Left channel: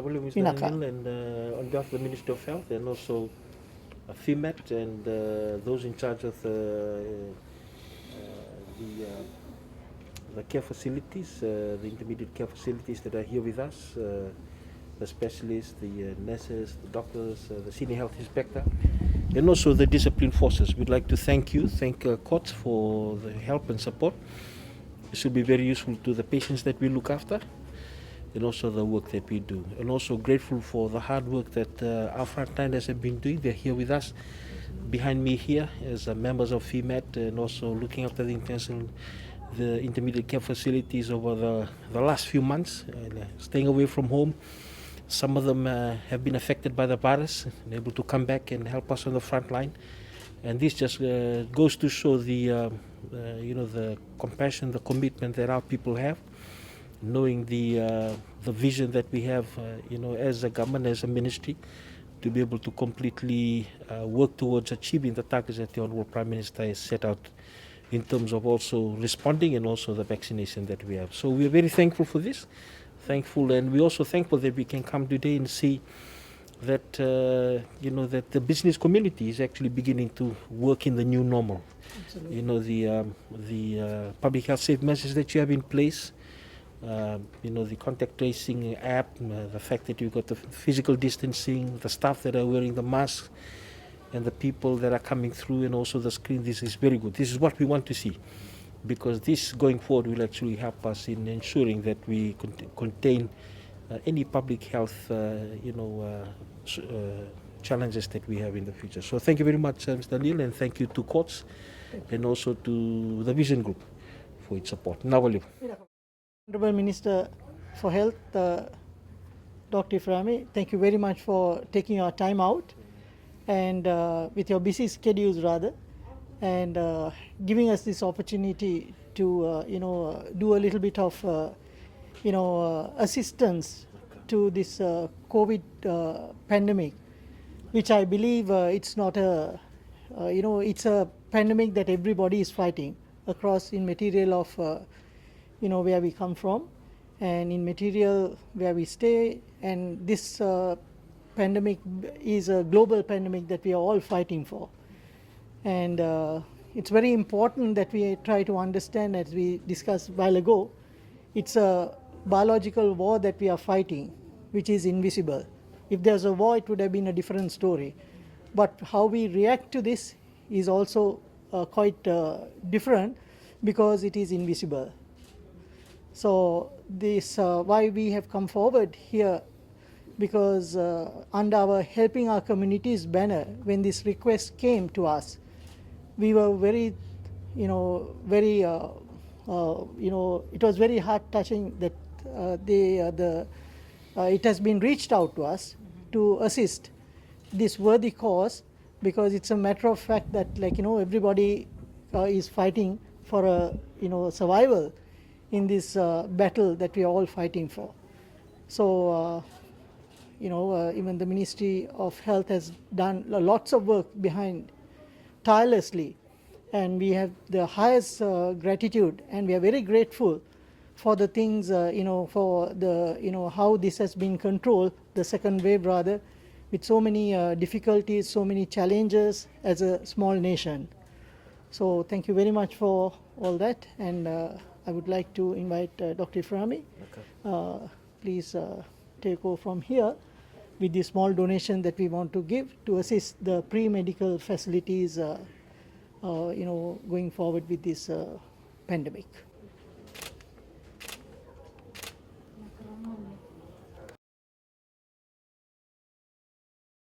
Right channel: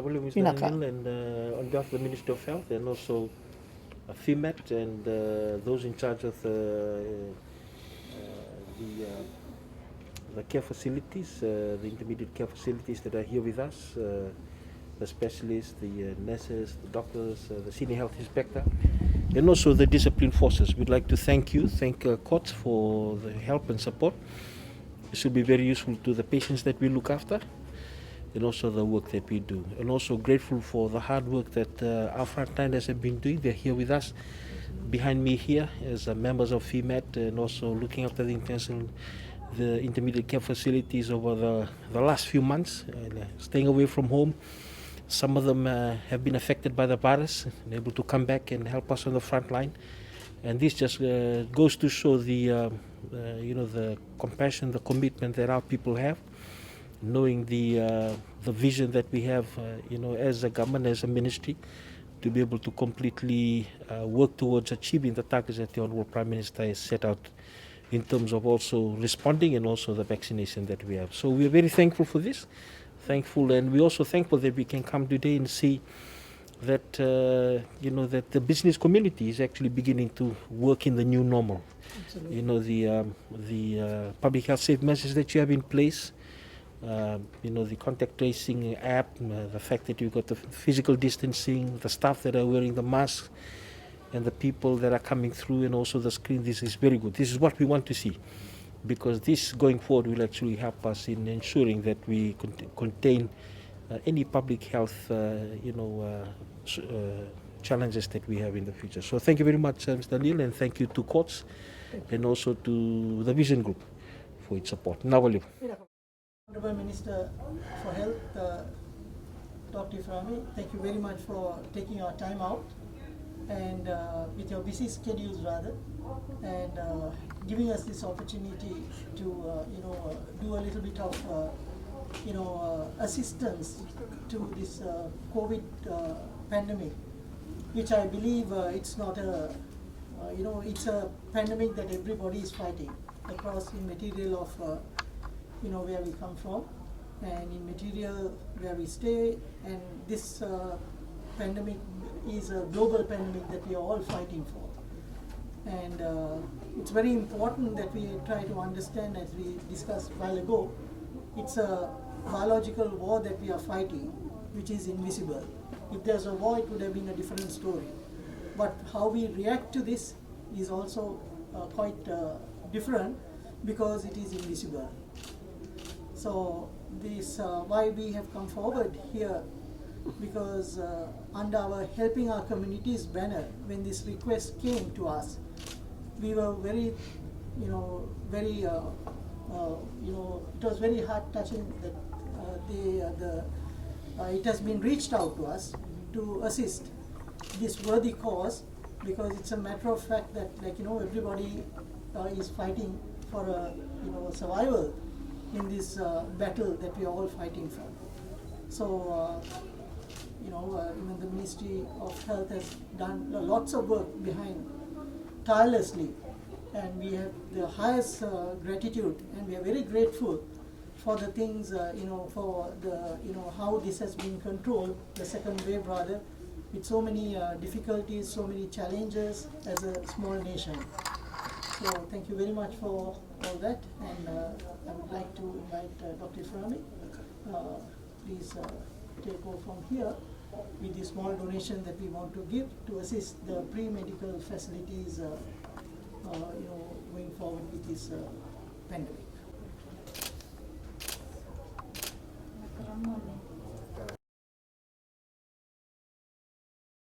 Mr. Pinaka. Anil, and on behalf of the Ministry of Health and also FEMAT and those in charge of the care facilities, the intermediate care facilities that are here with us, the specialists, the nurses, the doctors, the senior health inspector, and also the discipline forces. We'd like to thank courts for the help and support. This will be very useful to the patients that we look after and also the work that we do. And also grateful for the hard work that our frontliners have been doing. They're here with us behind me here as members of FEMAT and also looking after the intermediate care facilities over the last few months, staying away from home. Some of them have been affected by the virus and able to come back and help us on the front line. And this just goes to show the compassion, the commitment that our people have, knowing the vision that we have, as a government, as a ministry, to be able to completely work towards achieving the targets that the Honourable Prime Minister has set out in terms of also responding and also the vaccination that we have. So we are very thankful for this, and we're also thankful that we can come today and see that that the business community is actually beginning to work in the new normal. Absolutely. The public health safe measures that you have in place, the contact tracing app, the fact that you've got the physical distancing, the staff that are wearing the masks, and the people that are coming through, and also the screen. This is very good. This is what we want to see, because this going forward will actually help us in ensuring that we contain any public health challenges that we have in the future. So thank you very much, Mr. Neil, and thank you to courts and also to the Vision Group for its support. Nawali. Honorable Minister for Health, Dr. Iframe, thank you very much for taking your time out and with your busy schedules rather, and giving us this opportunity to do a little bit of assistance to this COVID pandemic, which I believe it's not it's a pandemic that everybody is fighting across in material of where we come from and in material where we stay, and this pandemic is a global pandemic that we are all fighting for. And it's very important that we try to understand, as we discussed a while ago, it's a biological war that we are fighting, which is invisible. If there's a war, it would have been a different story. But how we react to this is also quite different, because it is invisible. So this why we have come forward here, because under our Helping Our Communities banner, when this request came to us, we were very, it was very heart touching that it has been reached out to us to assist this worthy cause, because it's a matter of fact that everybody is fighting for survival in this battle that we are all fighting for. So even the Ministry of Health has done lots of work behind tirelessly, and we have the highest gratitude, and we are very grateful for the things for the how this has been controlled, the second wave rather, with so many difficulties, so many challenges as a small nation. So thank you very much for all that, and I would like to invite Dr. Iframe. Please take over from here with the small donation that we want to give to assist the pre-medical facilities going forward with this pandemic.